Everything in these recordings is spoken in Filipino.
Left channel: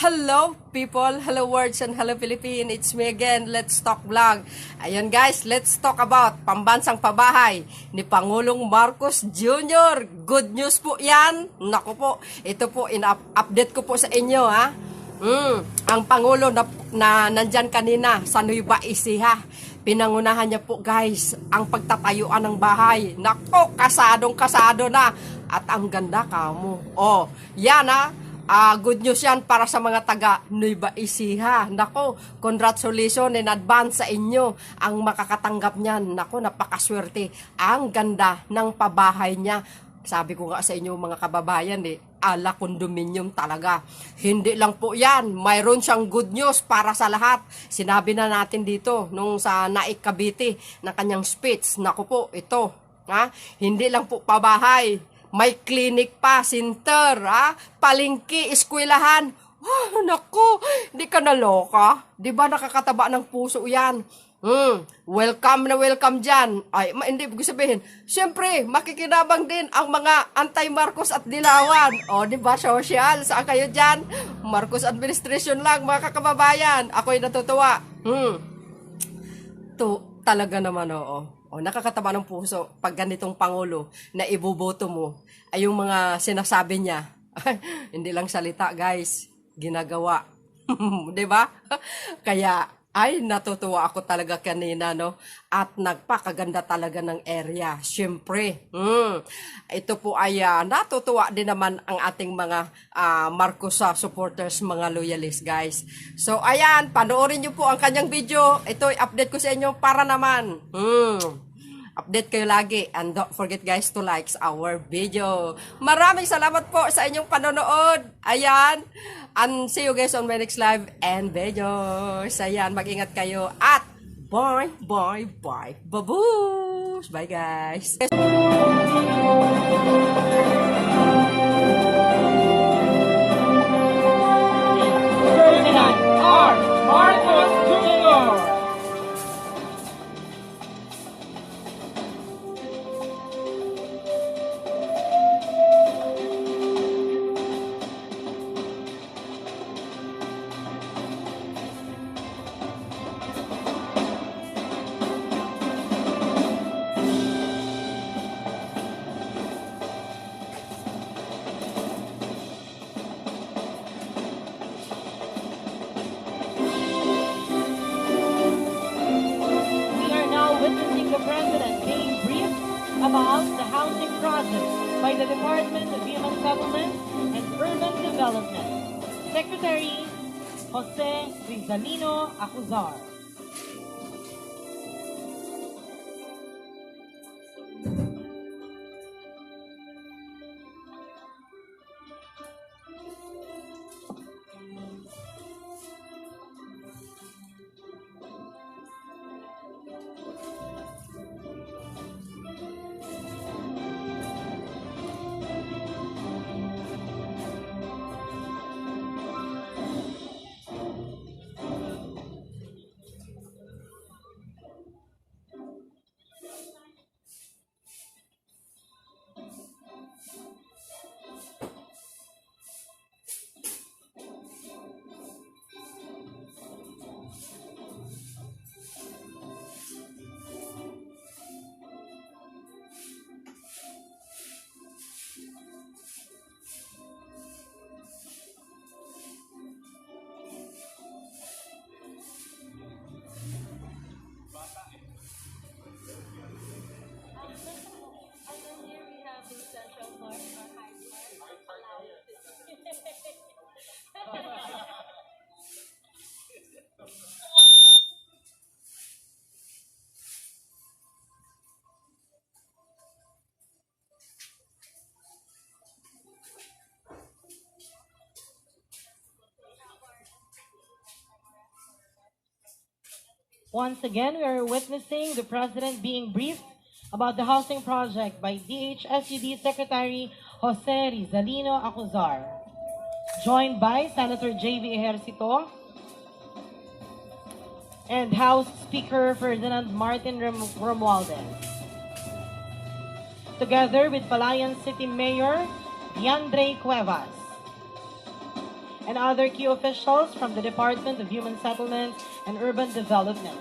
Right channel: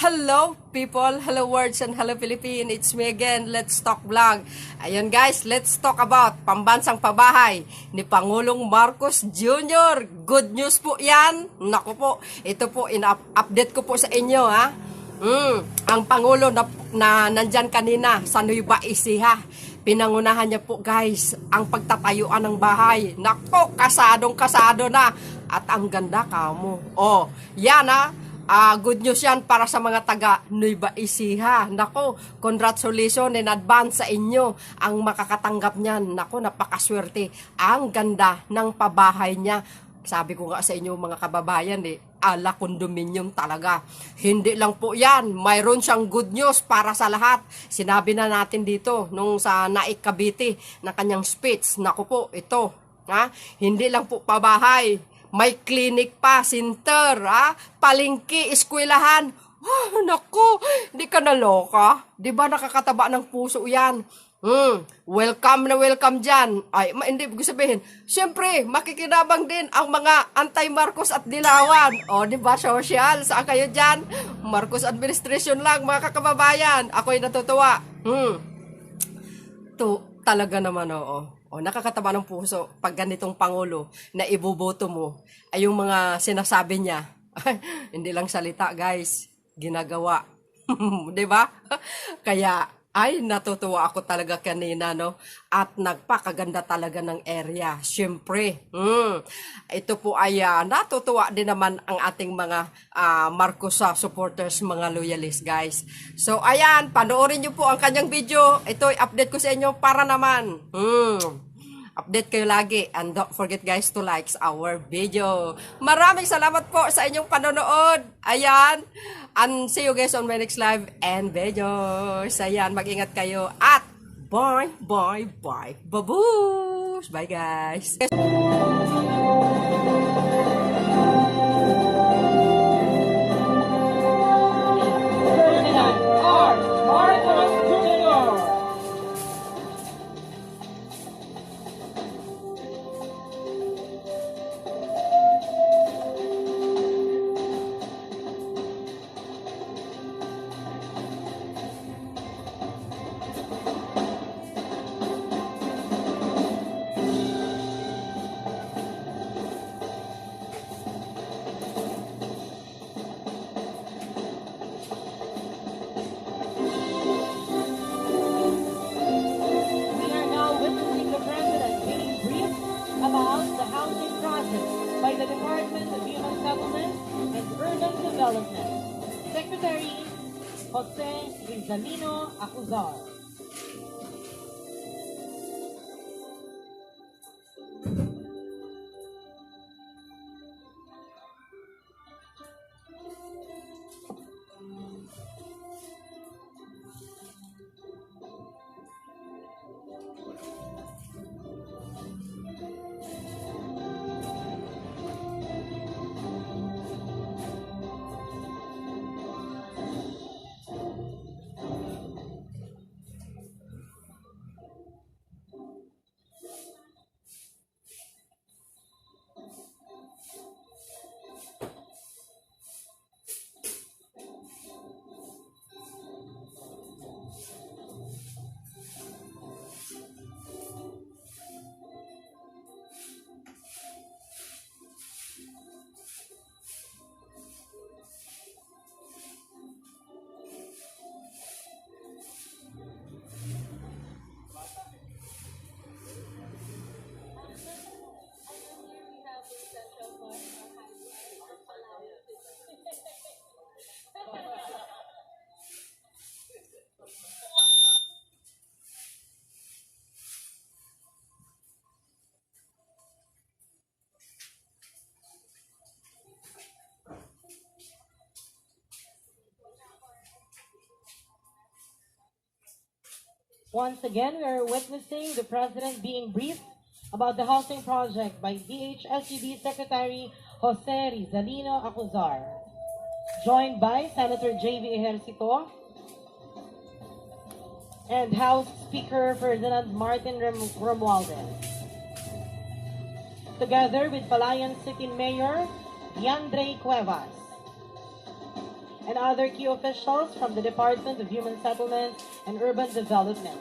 Hello people, hello words and hello Philippines. It's me again, Let's Talk Vlog. Ayun guys, let's talk about pambansang pabahay ni Pangulong Marcos Jr. Good news po yan. Naku po, ito po, in-update ko po sa inyo ha. Ang Pangulo na nandyan kanina sa Nueva Ecija, pinangunahan niya po guys ang pagtatayuan ng bahay. Nako, kasado na. At ang ganda kamo. Oh, yan ha. Good news yan para sa mga taga Nueva Ecija. Nako, congratulations in advance sa inyo ang makakatanggap niyan. Nako, napakaswerte. Ang ganda ng pabahay niya. Sabi ko nga sa inyo mga kababayan ala condominium talaga. Hindi lang po yan. Mayroon siyang good news para sa lahat. Sinabi na natin dito nung sa Naik Cavite na kanyang speech. Nako po, ito. Hindi lang po pabahay. May clinic pa, center, palengke, eskwelahan. Naku, di ka naloka. Di ba nakakataba ng puso yan? Welcome na welcome dyan. Ay, hindi ko sabihin. Siyempre, makikinabang din ang mga anti-Marcos at Dilawan. O, di ba, social? Saan kayo dyan? Marcos administration lang, mga kakababayan. Ako'y natutuwa. Talaga naman, oo. O, nakakataba ng puso pag ganitong Pangulo na iboboto mo ay yung mga sinasabi niya. Hindi lang salita, guys. Ginagawa. Diba? Kaya, ay natutuwa ako talaga kanina, no? At nagpakaganda talaga ng area. Siyempre, ito po ay natutuwa din naman ang ating mga Marcos supporters, mga loyalists, guys. So, ayan, panoorin nyo po ang kanyang video. Ito, update ko sa inyo para naman. Update kayo lagi. And don't forget guys to like our video. Maraming salamat po sa inyong panonood. Ayan. And see you guys on my next live and videos. Ayan, mag-ingat kayo. At bye, bye, bye. Babush! Bye guys. By the Department of Human Settlement and Urban Development, Secretary Jose Rizalino Acuzar. Once again, we are witnessing the President being briefed about the housing project by DHSUD Secretary Jose Rizalino Acuzar, joined by Senator J.V. Ejercito and House Speaker Ferdinand Martin Romualdez, together with Palayan City Mayor Diandre Cuevas, and other key officials from the Department of Human Settlements and Urban Development.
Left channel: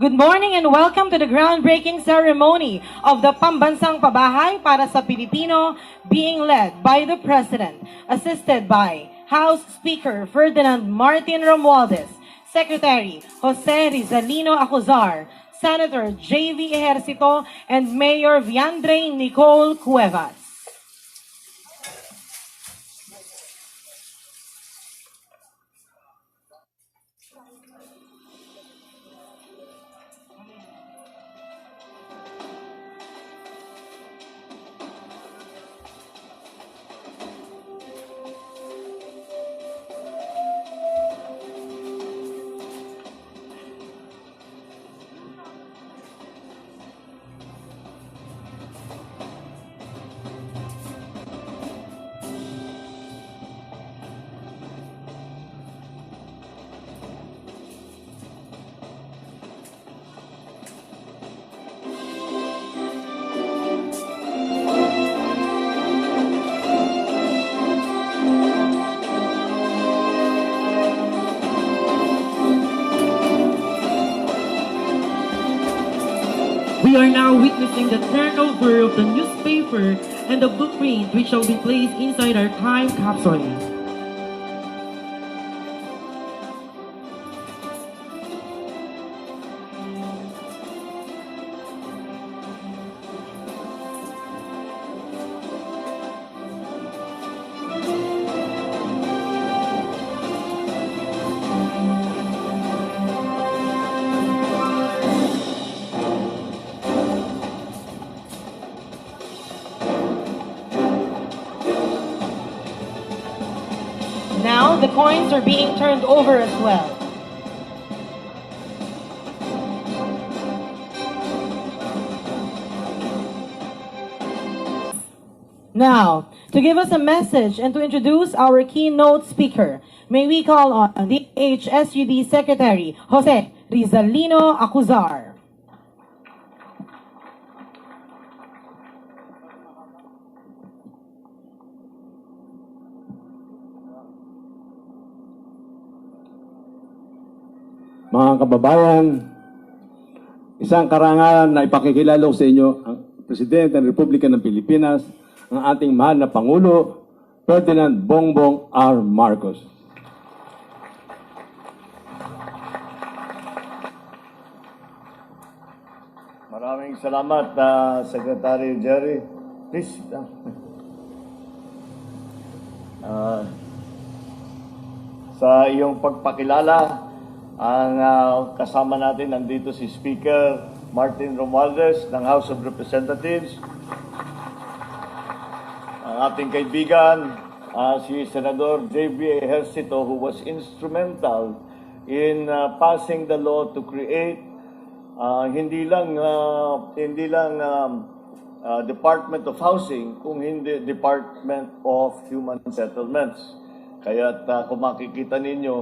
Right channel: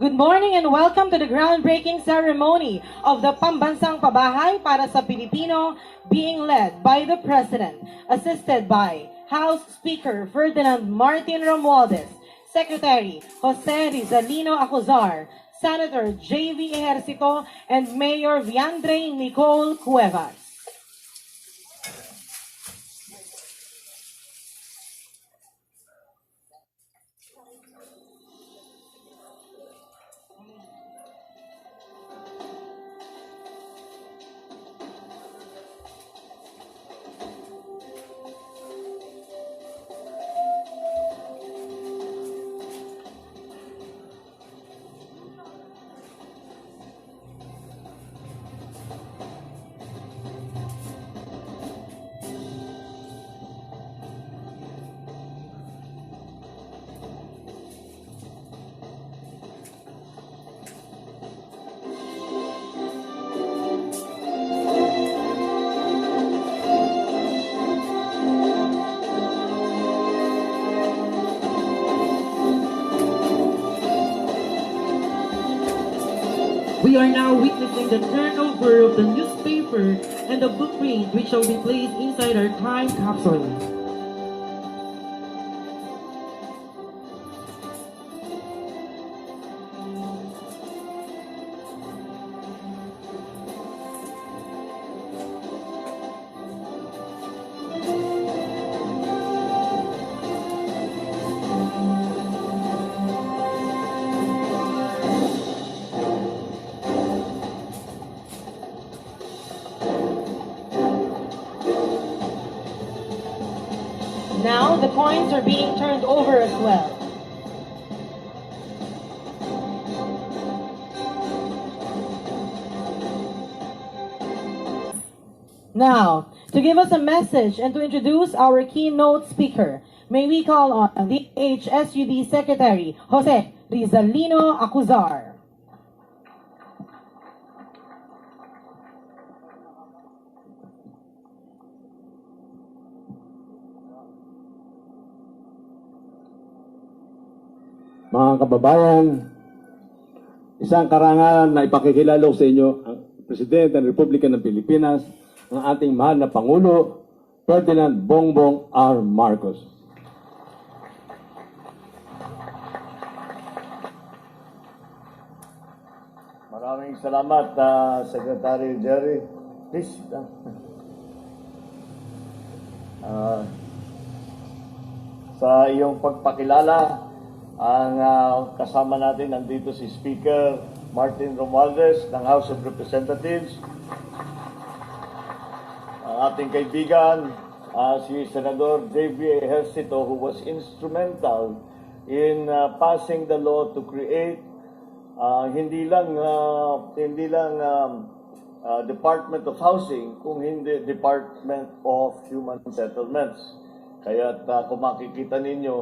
Good morning and welcome to the groundbreaking ceremony of the Pambansang Pabahay para sa Pilipino, being led by the President, assisted by House Speaker Ferdinand Martin Romualdez, Secretary Jose Rizalino Acuzar, Senator J.V. Ejercito, and Mayor Viandre Nicole Cuevas. We are now witnessing the turnover of the newspaper and the blueprint which shall be placed inside our time capsule. Now the coins are being turned over as well. Now, to give us a message and to introduce our keynote speaker, may we call on the HSUD Secretary Jose Rizalino Acuzar. Mga kababayan, isang karangalan na ipakikilala ko sa inyo ang Presidente ng Republika ng Pilipinas, ang ating mahal na Pangulo, Ferdinand Bongbong R. Marcos. Maraming salamat, Secretary Jerry. Please. Sa iyong pagpakilala, ang kasama natin nandito si Speaker Martin Romualdez ng House of Representatives. Ang ating kaibigan, si Senador J.B. Ejercito, who was instrumental in passing the law to create hindi lang Department of Housing, kung hindi Department of Human Settlements. Kaya kung makikita ninyo,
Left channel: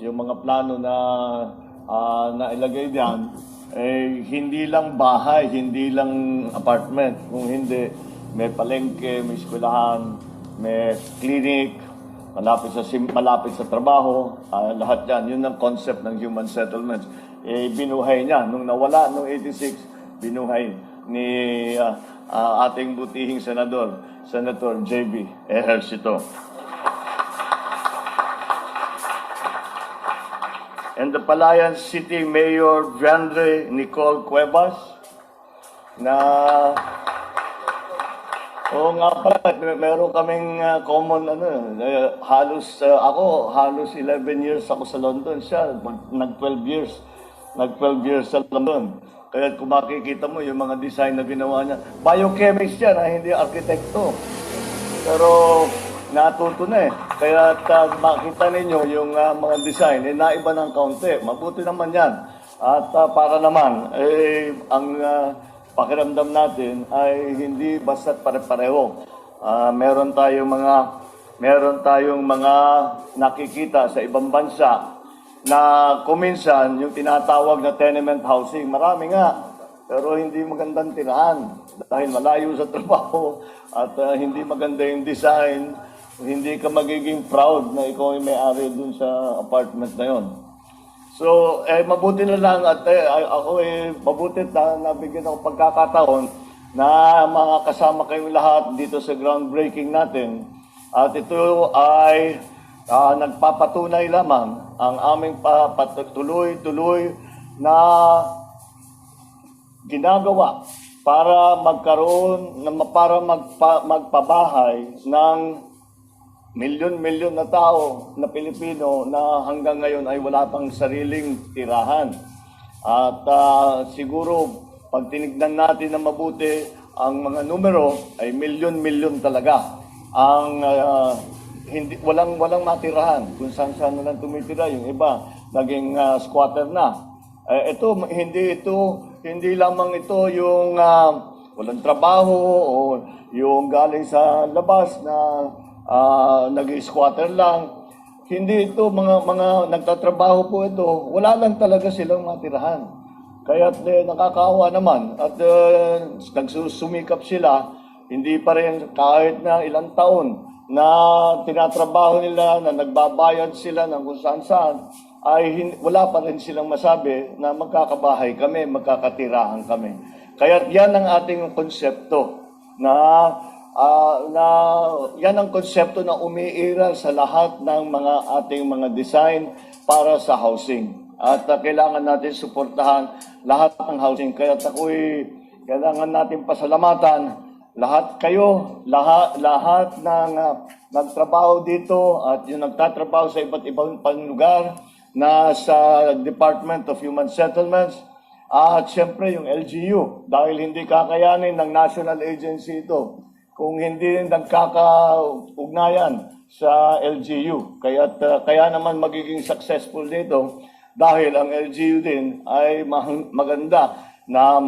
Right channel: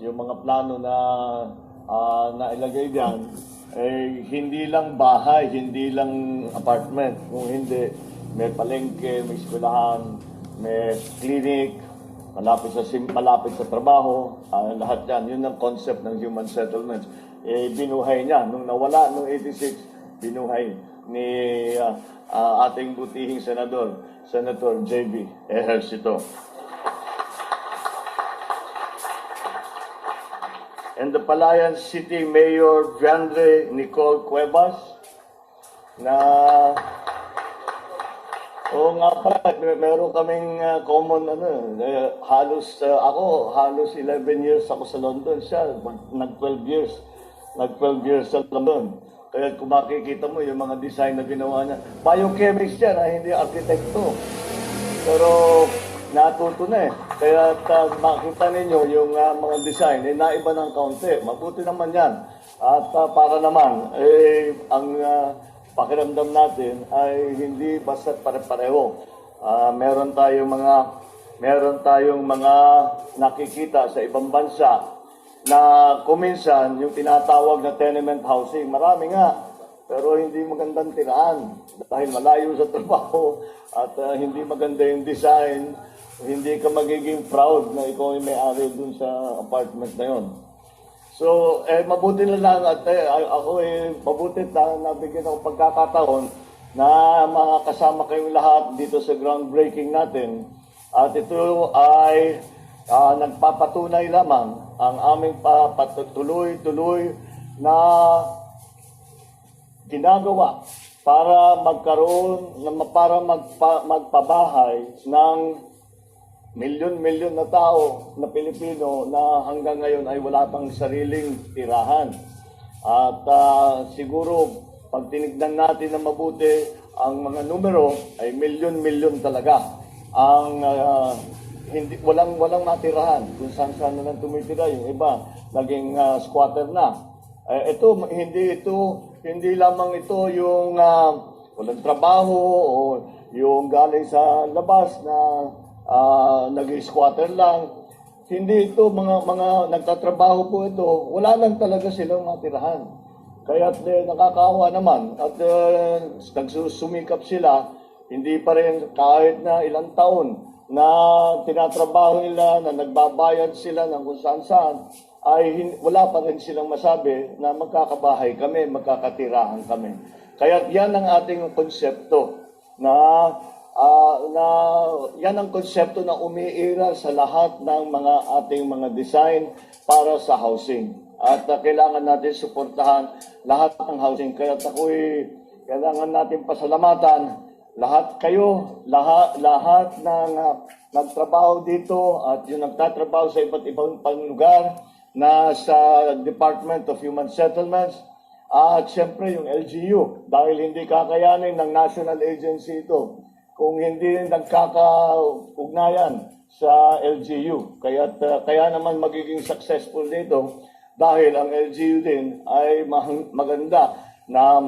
yung mga plano na nailagay diyan, hindi lang bahay, hindi lang apartment, kung hindi may palengke, may eskwelahan, may clinic, malapit sa trabaho, lahat yan. Yun ang concept ng human settlements. Binuhay niya. Nung nawala, nung 86, binuhay ni ating butihing senador, Senator J.B. Ejercito. And the Palayan City Mayor Viandre Nicole Cuevas na nga pala, meron kaming common halos 11 years ako sa London, siya nag 12 years sa London. Kaya kung makikita mo yung mga design na ginawa niya, biochemist yan, hindi arkitekto. Pero natuto na eh. Kaya makita ninyo yung mga design, naiba ng kaunti. Mabuti naman yan. At para naman, ang pakiramdam natin ay hindi basta't pare-pareho. Meron tayong mga nakikita sa ibang bansa na kuminsan yung tinatawag na tenement housing. Marami nga, pero hindi magandang tiraan dahil malayo sa trabaho at hindi maganda yung design. Hindi ka magiging proud na ikaw ay may-ari dun sa apartment na yon. So, mabuti na lang at mabuti na nabigyan ako pagkakataon na makakasama kayong lahat dito sa groundbreaking natin. At ito ay nagpapatunay lamang ang aming tuloy-tuloy na ginagawa para magpabahay ng milyon-milyon na tao na Pilipino na hanggang ngayon ay wala pang sariling tirahan. At siguro, pag tinignan natin na mabuti, ang mga numero ay milyon-milyon talaga. Ang walang matirahan. Kung saan-saan na lang tumitira, yung iba naging squatter na. Hindi lamang ito yung walang trabaho o yung galing sa labas na nag-squatter lang. Hindi ito mga nagtatrabaho po ito. Wala lang talaga silang matirahan. Kaya nakakaawa naman at nagsusumikap sila. Hindi pa rin kahit na ilang taon na tinatrabaho nila, na nagbabayad sila ng kung saan-saan, ay wala pa rin silang masabi na magkakabahay kami, magkakatirahan kami. Kaya yan ang ating konsepto yan ang konsepto na umiiral sa lahat ng ating mga design para sa housing. At kailangan natin suportahan lahat ng housing. Kaya kailangan natin pasalamatan lahat ng nagtrabaho dito at yung nagtatrabaho sa iba't ibang lugar na sa Department of Human Settlements at siyempre yung LGU dahil hindi kakayanin ng national agency ito kung hindi nagkakaugnayan sa LGU. Kaya naman magiging successful dito dahil ang LGU din ay maganda na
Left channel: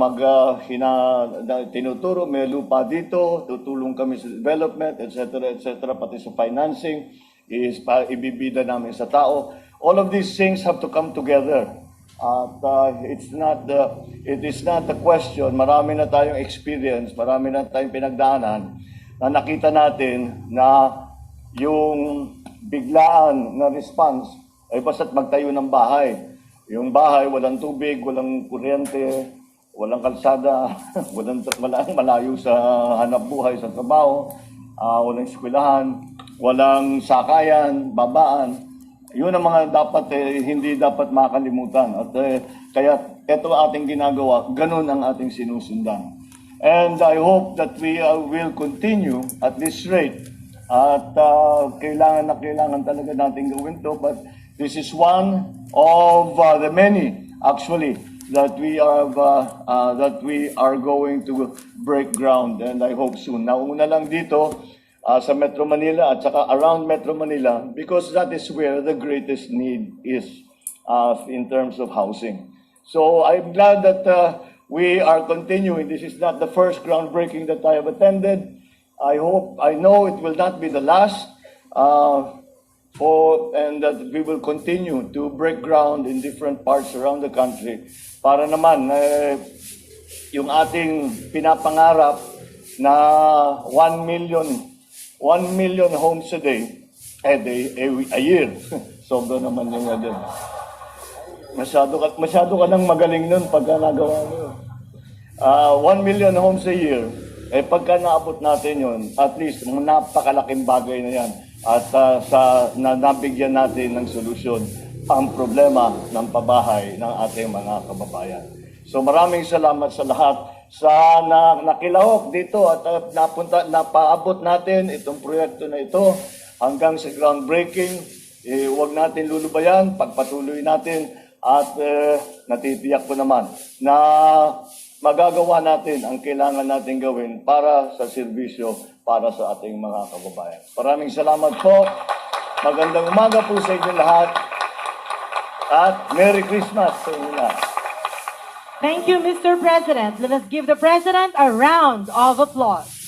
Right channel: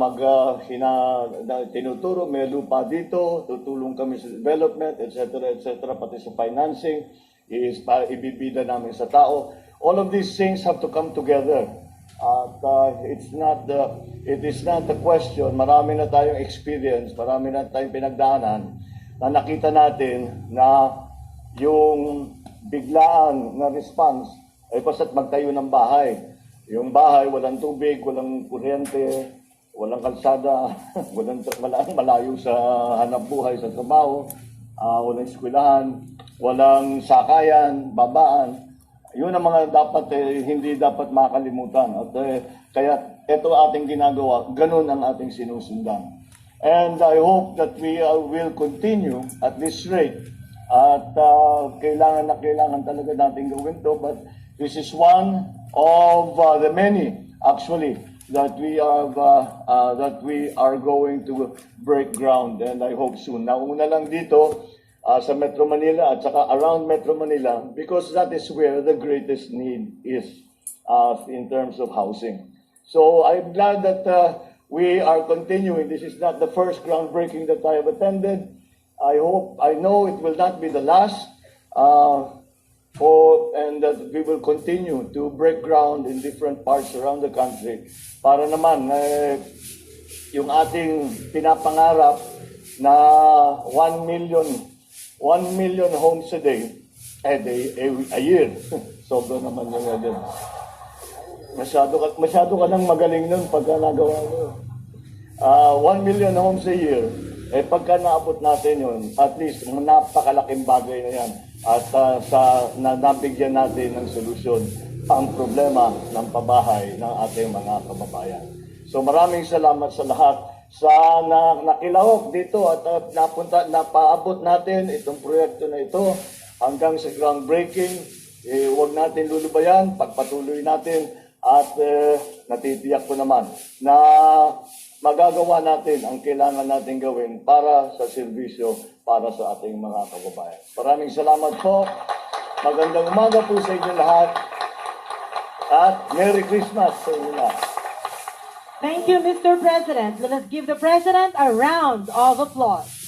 tinuturo, may lupa dito, tutulong kami sa development, etc., pati sa financing, ibibida namin sa tao. All of these things have to come together. At it is not a question, marami na tayong experience, marami na tayong pinagdaanan, na nakita natin na yung biglaan na response ay basta't magtayo ng bahay. Yung bahay, walang tubig, walang kuryente, walang kalsada, walang malayo sa hanap buhay, sa trabaho, walang eskwelahan, walang sakayan, babaan. Yun ang mga dapat, hindi dapat makalimutan. At kaya ito ating ginagawa, ganun ang ating sinusundan. And I hope that we will continue at this rate. At kailangan talaga natin gawin to. But this is one of the many, actually, that we are going to break ground, and I hope soon. Nauna lang dito sa Metro Manila at saka around Metro Manila, because that is where the greatest need is in terms of housing. So I'm glad that we are continuing. This is not the first groundbreaking that I have attended. I know it will not be the last. And that we will continue to break ground in different parts around the country para naman yung ating pinapangarap na 1 million homes a day, a year. Sobra naman yung doon. Masyado ka nang magaling nun pagka nagawa mo. 1 million homes a year, pagka naabot natin yun, at least napakalaking bagay na yan. At nabigyan natin ng solusyon ang problema ng pabahay ng ating mga kababayan. So maraming salamat sa lahat sa nakilahok dito at napaabot natin itong proyekto na ito hanggang sa groundbreaking. Huwag natin lulubayan, pagpatuloy natin at natitiyak ko naman na magagawa natin ang kailangan natin gawin para sa serbisyo para sa ating mga kababayan. Maraming salamat po. Magandang umaga po sa inyo lahat. At Merry Christmas sa inyo lahat. Thank you, Mr. President. Let us give the President a round of applause.